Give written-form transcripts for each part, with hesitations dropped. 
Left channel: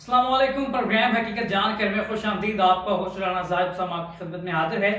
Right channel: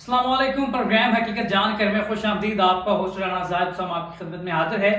अस्सलाम वालेकुम। प्रोग्राम हकीकत जानकर में खुश आमदीद। आपका होस्ट राना ज़ाहिद साहब आपकी खिदमत में हाजिर है।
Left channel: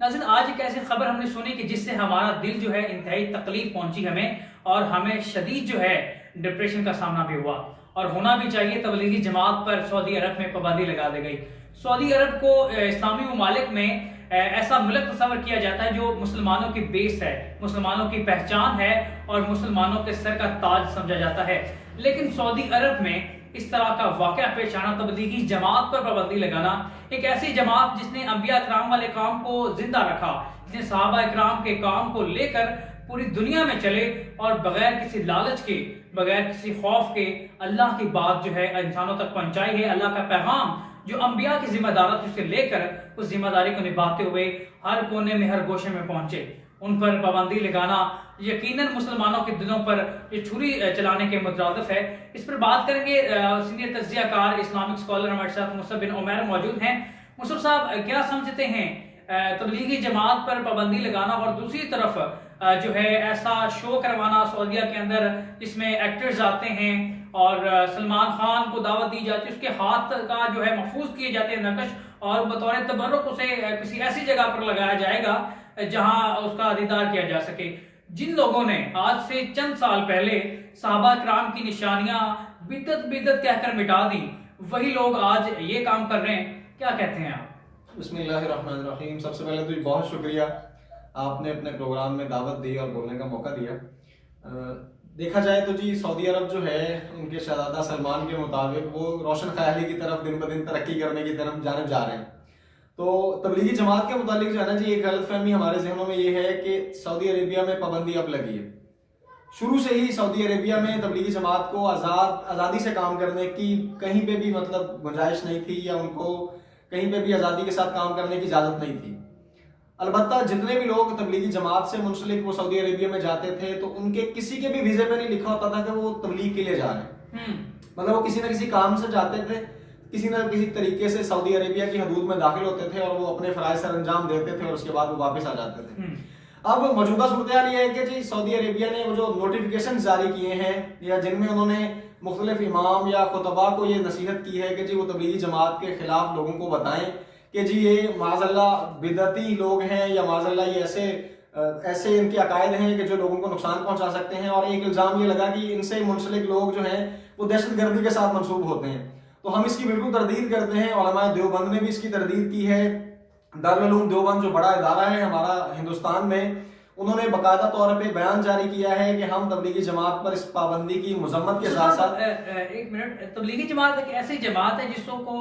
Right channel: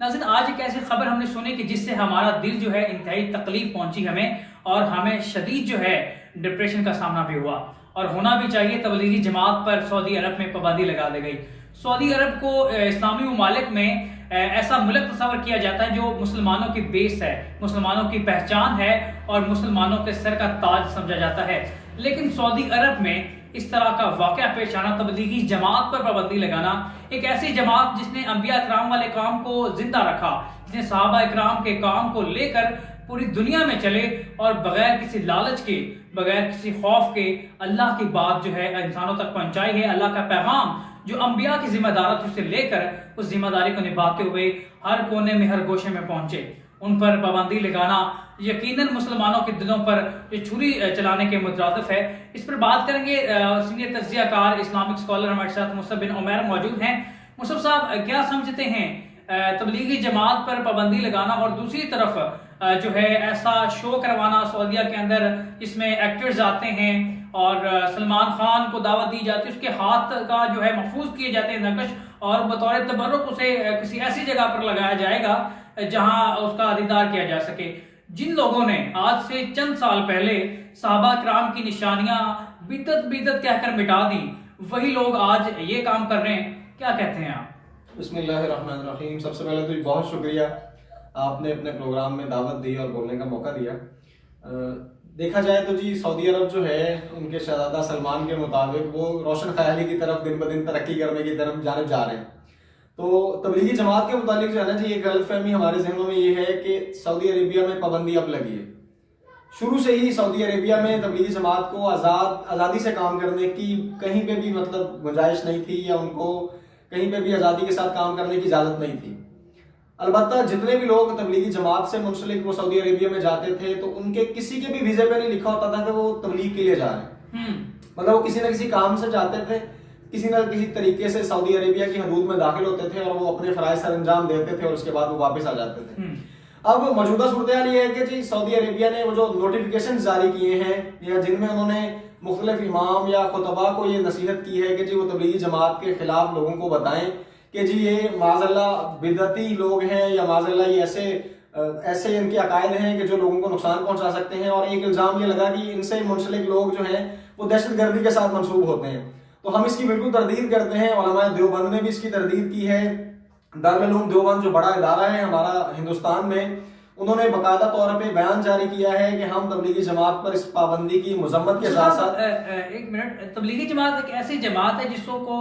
नाज़रीन, आज एक ऐसी खबर हमने सुनी कि जिससे हमारा दिल जो है इंतहाई तकलीफ पहुंची हमें, और हमें शदीद जो है डिप्रेशन का सामना भी हुआ, और होना भी चाहिए। तबलीगी जमात पर सऊदी अरब में पाबंदी लगा दी गई। सऊदी अरब को इस्लामी ममालिक में ऐसा मुल्क तस्वर किया जाता है जो मुसलमानों की बेस है, मुसलमानों की पहचान है और मुसलमानों के सर का ताज समझा जाता है। लेकिन सऊदी अरब में इस तरह का वाक़या पेश आना, तबलीगी जमात पर पाबंदी लगाना, एक ऐसी जमात जिसने अंबिया इकराम वाले काम को जिंदा रखा, जिसने सहाबा इकराम के काम को लेकर पूरी दुनिया में चले और बगैर किसी लालच के, बगैर किसी खौफ के अल्लाह की बात जो है इंसानों तक पहुंचाई है। अल्लाह का पैगाम जो अंबिया की जिम्मेदारी से लेकर उस जिम्मेदारी को निभाते हुए हर कोने में, हर गोशे में पहुंचे। उन पर पाबंदी लगाना यकीनन मुसलमानों के दिलों पर ये छुरी चलाने के मुतरादिफ है। इस पर बात करेंगे। सीनियर तज्जियाकार इस्लामिक स्कॉलर हमारे साथ मुसअब बिन उमैर मौजूद हैं। मुसअब साहब, क्या समझते हैं तबलीगी जमात पर पाबंदी लगाना और दूसरी तरफ जो है ऐसा शो करवाना सऊदीया के अंदर जिसमें एक्टर्स आते हैं और सलमान खान को दावत दी जाती है, उसके हाथ का जो है महफूज किए जाते हैं नक्श, और बतौर तबर्रुक उसे किसी ऐसी जगह पर लगाया जाएगा जहां उसका दीदार किया जा सके। जिन लोगों ने आज से चंद साल पहले सहाबा किराम की निशानियां बिदत बिदत कहकर मिटा दी, वही लोग आज ये काम कर रहे हैं। क्या कहते हैं आप? बिस्मिल्लाहिर्रहमानिर्रहीम। सबसे पहले तो बहुत शुक्रिया, आपने अपने प्रोग्राम में दावत दी और बोलने का मौका दिया। देखा जाए तो जी, सऊदी अरब जो है उनके शहजादा सलमान के मुताबिक वो रोशन ख्याली की तरफ दिन ब दिन तरक्की करने की तरफ जाने जा रहे हैं। तो तबलीगी जमात के मुतालिक जो है ना जी, एक गलतफहमी हमारे जहनों में ये है कि सऊदी अरेबिया में पाबंदी अब लगी है। शुरू से ही सऊदी अरेबिया में तबलीगी जमात को आज़ादी से काम करने की कहीं पे भी मतलब गुंजाइश नहीं थी, या उनको कहीं पे भी आज़ादी के साथ काम करने की इजाज़त नहीं थी। अलबत्ता जितने भी लोग तबलीगी जमात से मुंसलिक वो सऊदी अरेबिया में जाते थे तो उनके किसी के भी वीज़े पे नहीं लिखा होता था कि वो तबलीग के लिए जा रहे हैं। मतलब वो किसी न किसी काम से जाते थे, किसी न किसी तरीके से सऊदी अरेबिया की हदूद में दाखिल होते थे और वो अपने फराइज सर अंजाम देते थे और उसके बाद वो वापस आ जाते थे। अब मौजूदा सूरत हाल ये है कि जी सऊदी अरेबिया ने वो जो नोटिफिकेशन जारी किए हैं, या जिनमें उन्होंने मुख्तलिफ इमाम या खुतबा को ये नसीहत की है कि जी वो तबलीगी जमात के खिलाफ लोगों को बताएं कि जी ये माज़अल्लाह बिदअती लोग हैं, या माज़अल्लाह ये ऐसे इनके अकायद हैं कि जो लोगों को नुकसान पहुंचा सकते हैं। और एक इल्ज़ाम ये लगा कि इनसे मुंसलिक लोग जो हैं वो दहशतगर्दी के साथ मंसूब होते हैं। तो हम इसकी बिल्कुल तरदीद करते हैं। उलमा देवबंद ने भी इसकी तरदीद की है। दारुल उलूम देवबंद जो बड़ा इदारा है हमारा हिंदुस्तान में, उन्होंने बाकायदा तौर पे बयान जारी किया है कि हम तबलीगी जमात पर इस पाबंदी की मजम्मत के साथ साथ एक मिनट, तबलीगी जमात एक ऐसी जमात है जिसको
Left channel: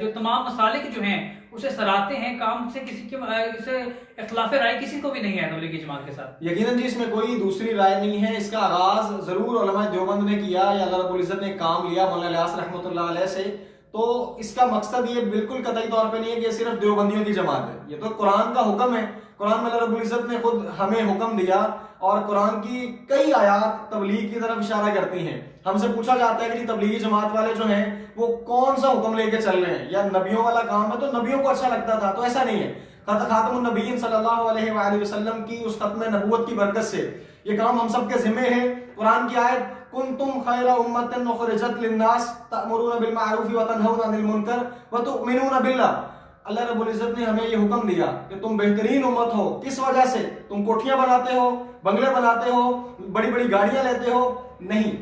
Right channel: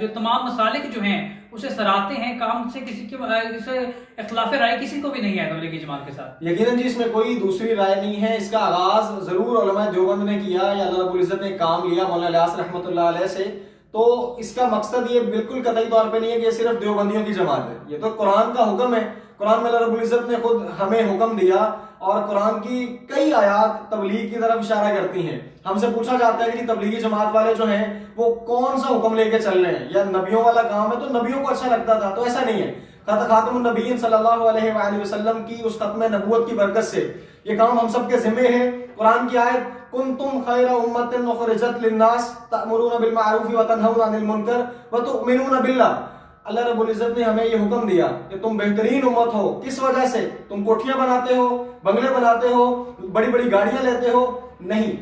जो तमाम मसालिक जो हैं उसे सराहते हैं, काम से किसी के इख्तिलाफ राय किसी को भी नहीं है तबलीगी जमात के साथ। यकीनन जी इसमें कोई दूसरी राय नहीं है। इसका आगाज जरूर उलमा देवबंद ने किया, या अल्लाह रब्बुल इज्जत ने काम लिया मौलाना इलियास रहमतुल्लाह अलैह से। तो इसका मकसद ये बिल्कुल कतई तौर पे नहीं है कि सिर्फ देवबंदियों की जमात है। ये तो कुरान का हुक्म है। कुरान में अल्लाह रब्बुल इज्जत ने खुद हमें हुक्म दिया, और कुरान की कई आयात तबलीग की तरफ इशारा करती हैं। हमसे पूछा जाता है कि तबलीगी जमात वाले जो हैं वो कौन सा हुक्म लेके चल रहे हैं, या नबियों वाला काम है तो नबियों को अच्छा लगता था। तो ऐसा नहीं है। खातमुन नबीय्यीन सल्लल्लाहु अलैहि वसल्लम की उस खत्म नबूवत की बरकत से ये काम हम सबके जिम्मे है। कुरान की आयत कुंतुम खैरा उम्मतिन उखरिजत लिन्नास तअमुरूना बिल मारूफ व तनहौना अनिल मुनकर व तु'मिनूना बिल्लाह। अल्लाह रब्बुल इज्जत ने हमें ये हुक्म दिया कि तुम बेहतरीन उम्मत हो। किस वजह से? तुम कोठियां बनाते हो, बंगले बनाते हो, बड़ी बड़ी गाड़ियां लेते हो? नहीं,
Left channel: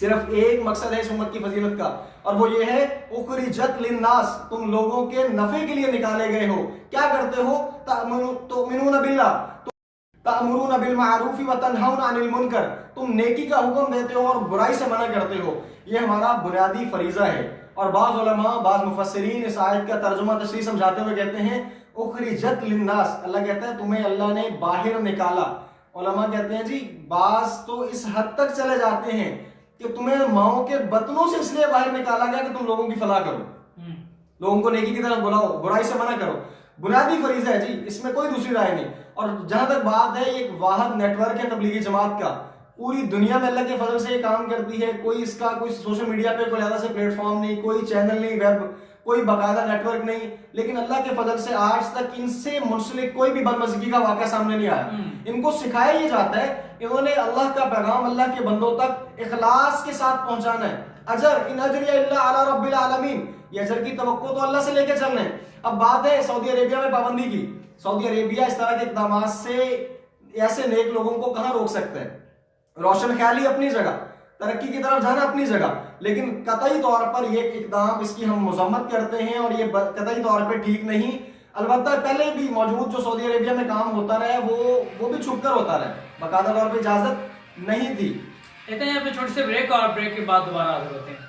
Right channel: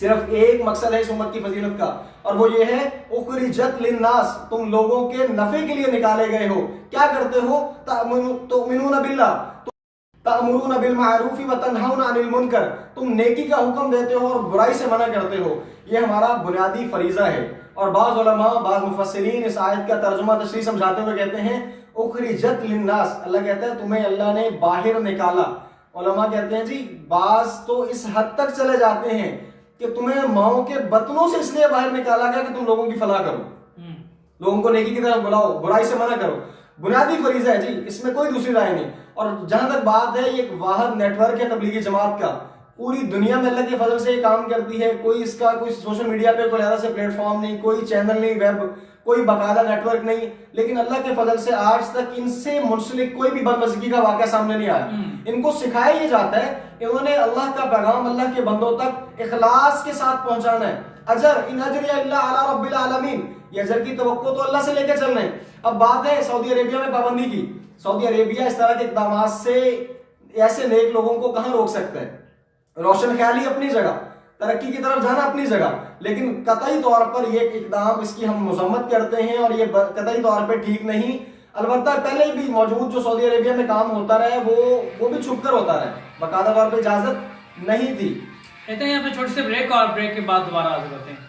सिर्फ एक मकसद है इस उम्मत की फजीलत का, और वो ये है उखरिजत लिन्नास, तुम लोगों के नफे के लिए निकाले गए हो। क्या करते हो? तु'मिनूना बिल्लाह, तअमुरूना बिल मारूफ व तनहौना अनिल मुनकर, तुम नेकी का हुक्म देते हो और बुराई से मना करते हो। ये हमारा बुनियादी फरीजा है। और बाज़ उलमा, बाज़ मुफस्सिरीन इस आयत का तर्जुमा तशरीह समझाते हुए कहते हैं उखरिजत लिन्नास, अल्लाह कहता है तुम्हें अल्लाह ने बाहर निकाला। उलमा कहते हैं जी बाज़ तो इस हद तक चले जाते हैं कि तुम्हें माओ के बतनों से इसलिए बाहर निकाला गया कि तुम लोगों की फलाह करो, लोगों को नेकी की तरफ बुलाओ, बुराई से मना करो। बुनियादी फरीजा है जी, इसमें कोई दूसरी राय नहीं। और जहां तक बात है, एक वाहिद नेटवर्क है तबलीगी जमात का, पूरी दुनिया में अल्लाह के फजल से ये काम करती है। कोई इसका कोई सोशल मीडिया पे कोई अलग से प्लेटफॉर्म नहीं, कोई चैनल नहीं, वेब کوئی باقاعدہ نیٹ ورک نہیں، لیکن اللہ کے فضل سے آج تک ان سے منسلک کوئی بھی بدمزگی کا واقعہ سامنے نہیں آیا۔ ان کو سکھایا یہ جاتا ہے، انہوں نے اللہ کا پیغام اللہ کے بندوں تک اخلاص کے ساتھ پہنچانا ہے۔ اجر ان اجری الا علی رب العالمین، یہ اجر کی توقع تو اللہ سے لے کے چل رہے ہیں۔ اب بات ہے سعودی عربیہ میں پابندی کی، سعودی عربیہ اس طرح کے اقدامات سے ایسے نیک لوگوں کو کہاں روک سکتے ہیں؟ روشن خیالی اپنی جگہ، ترقی کی طرف جانا اپنی جگہ، لیکن قطعی طور پر یہ اقدام اس کی ہم مذمت کرتے ہیں اور یہ قطعی طور پہ ٹھیک نہیں۔ البتہ پہلے بھی موجود جو سعودی عربیہ میں کام ہوتا رہا وہ بھی چھپ کر ہوتا رہا، باقاعدہ طور پہ اجازت نہیں تھی۔ کہتے ہیں یہاں پہ چھوٹے سے بریک، اور بریک کے بعد دوبارہ حاضر ہوتے ہیں۔